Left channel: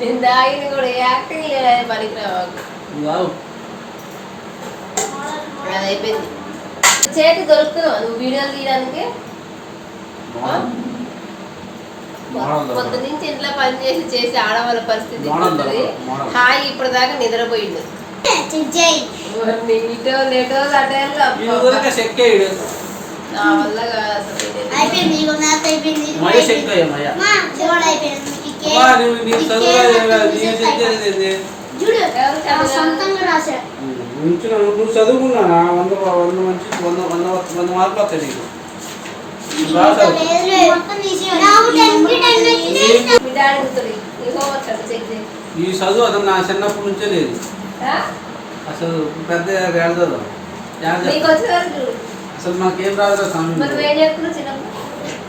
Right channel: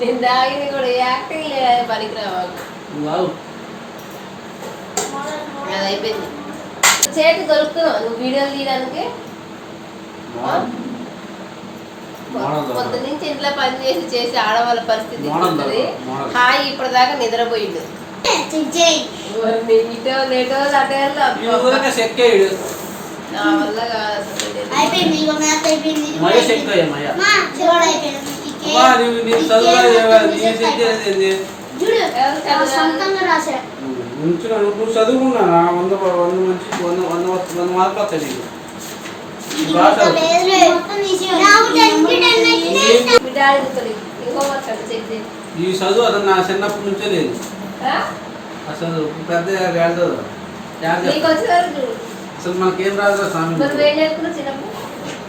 నేను తాగింది కూడా యాక్టింగ్ లేదా పనికిరావు వావ్. అది అయిపోయింది. చేతి దొరుకుతున్నావు నువ్వు వీడియోలు తీయడానికి? దొరకదు. నుంచి ఇంట్లో పని చేసి చేసి ఆడవాళ్ళ పరిస్థితి. హాయి ఇప్పటిదాకా నిద్రపోయిండు. ఇటో లేటో చెక్కేయుడు నా వల్ల. అయిపోయింది అయిపోయింది. నీ చదువు నువ్వు చదువుకున్నా వంద వంద మంచి వంద వంద వంద మార్కులు వస్తాయి నీకు. ఈ చదువు అతను నా చిన్నప్పటి నుంచే లేదు. ఆ? అసలు పెద్ద చూడు? అసలు మనకేం రాదు స్వామి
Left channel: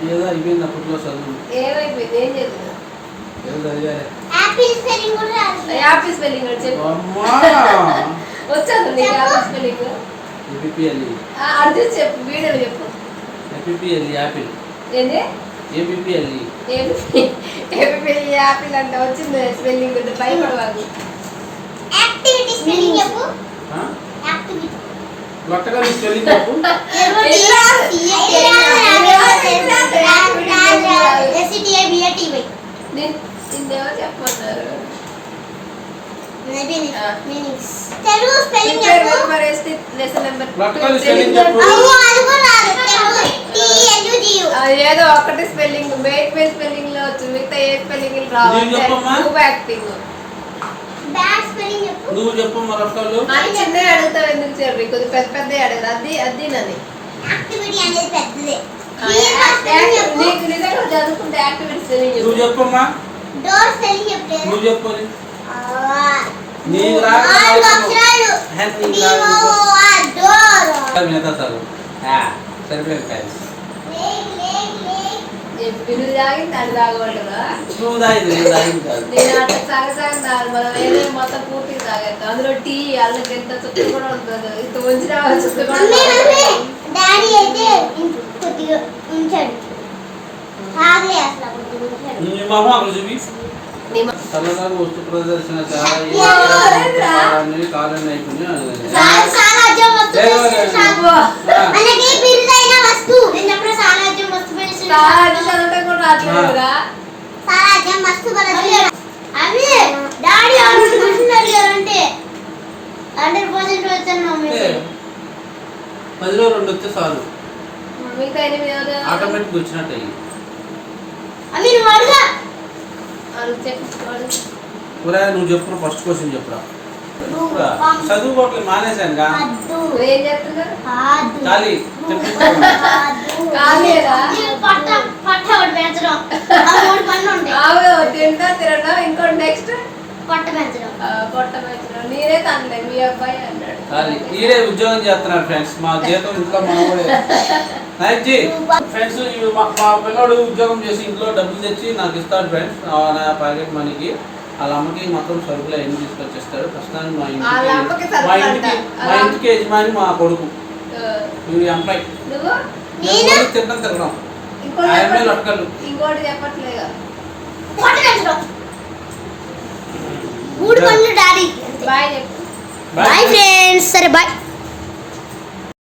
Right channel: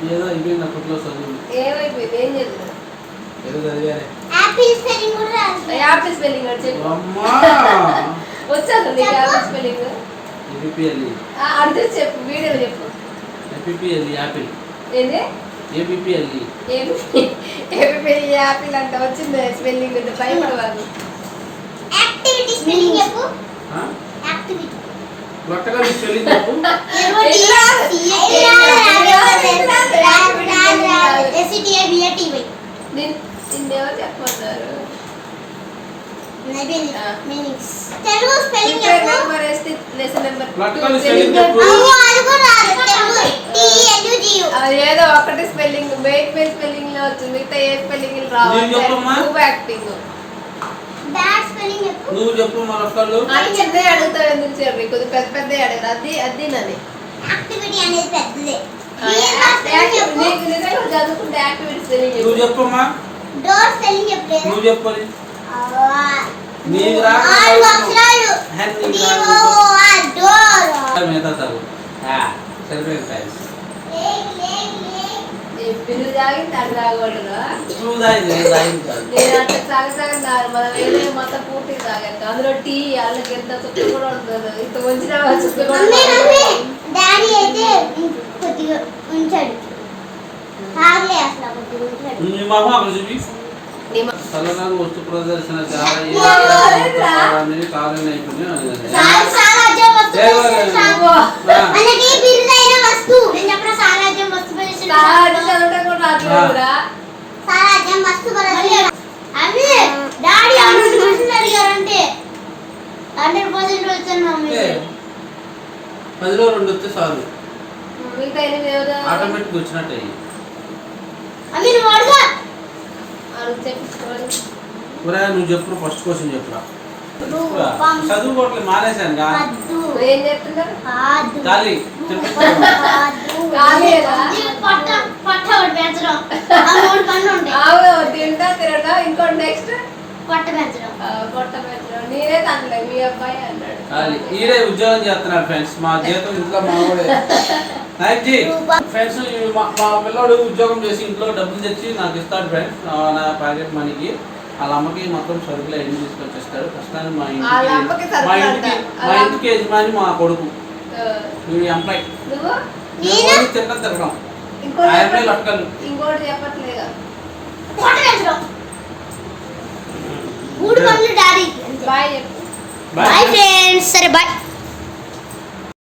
ఏదో అయిపోయింది అప్పట్లో చదువు. ఏమైపోయింది? ఏం యాపిల్ స్పెల్లింగ్ వచ్చాను నీకు యాపిల్ స్పెల్లింగ్ అర్థం చెప్పు వీడియోలో చెప్పు. ఏపీఎల్ఈ యాపిల్ ఏంటి ఏపీఎల్ఈ ఏపీ యాపిల్ అంట వచ్చింది స్పెల్లింగ్ ఉంటే భయపడవాళ్ళు యాక్టివిటీ స్పెల్లింగ్ చెప్పు. యాక్టివిటీ స్పెల్లింగ్ చెప్పు. తెలుగు స్పెల్లింగ్ ప్రిపేర్ చెప్పు. నెంబర్ వేస్తే లెసన్ నెంబర్ లొట్టగా స్పెల్లింగ్ చెప్పు. అమ్మో, అది కూడా రాదు. తెలుగు T-L-U-G-U. ఏదో ఒకటి స్పెల్లింగ్ మెయిన్ మెయిన్ స్పెల్లింగ్లో వచ్చింది మిగతా ఏ స్పెల్లింగ్ రావు. నేను చెప్పమ్మా? యాక్టింగ్ చెప్పు. నువ్వు చెప్పు మా లొక్కలు. అది చిన్నవి అడుగుతావు ఎందుకు చెప్పి? కొద్ది పెద్ద పెద్ద అడగరు. అది అది నన్ను Activity అనేది పెద్దదే. నీకు నిజంగా చదువుకుంటే యాక్టివిటీ స్పెల్లింగ్ నువ్వు చెప్పమ్మా. Spelling చెప్పలేదా? నువ్వు చెప్పని ఆ, నీకు door. మిగతా సరిపోయింది లేక్. నేను బిల్లు తాగి దాన్ని తాగబడ్డా నువ్వు దాయింది నేను దాయింది కాదు. నేను అంటే సగం సగం తాగు మనం వేరే మొత్తం పూర్తిగా తాగేస్తాం. అందులో టీ అల్లకి ఎంత చుట్టూ కూడా ఉంటుంది. ఇంత మంచిగా చుట్టూ కూడా మమ్మీ, మమ్మీ, ఉంటుంది. డాడీ అయితే కొద్దిగా ఉంచాడు. తాగలే అసలు కొద్దిగా ఉంచాడు. చల్లదాకా వస్తు ప్రదర్శన పదిలో రెండు వస్తే చాలు. ఆటోమేటిక్ వచ్చినట్టు అయ్యి అవి నువ్వు చెప్పురా ఫస్ట్ క్వశ్చన్ చెప్పురా. చదువుకోవట్లే మానేశానుగా? వద్దు ఏం ఖాళీ. చెప్పు. తింటా ఇంకోటి నెక్స్ట్ పట్ట పెంచడం పొట్ట పెట్టడం నేనే తనలే మీ అబ్బాయి అన్నాడు. ఖాళీ ఈడే ఉద్యోగం చేస్తున్నారు ఫ్రెండ్స్. మా జీతం ఇంట్లో మనవాడే నైట్ జీ ఫ్రెండ్స్ మా మా పిల్లోడు ఉద్యోగం చేసి ఇంట్లో డబ్బులు తెచ్చి నాకు ఇస్తాడు ఫ్రెండ్స్. నా ప్యాకెట్ మనీకి. వాళ్ళ అమ్మకి మొత్తం సరుకులు అన్ని తీసుకొచ్చేస్తాడు. ప్రస్తుతానికి మా ఇంటికి మా అంట. ఇంటికి మా ఇంటికి యజమాని మా కొడుకు. ఎంప్లాయ్. నువ్వు? నేను? తిట్టం తిరగడం లొక్కలు. ఇంకోటి చెప్పట్లేదు పట్ట పెంచడం మూడు పనులు డాడీ బాయ్ చెప్పు బాయ్ ఫ్రెండ్స్ సరే బాయ్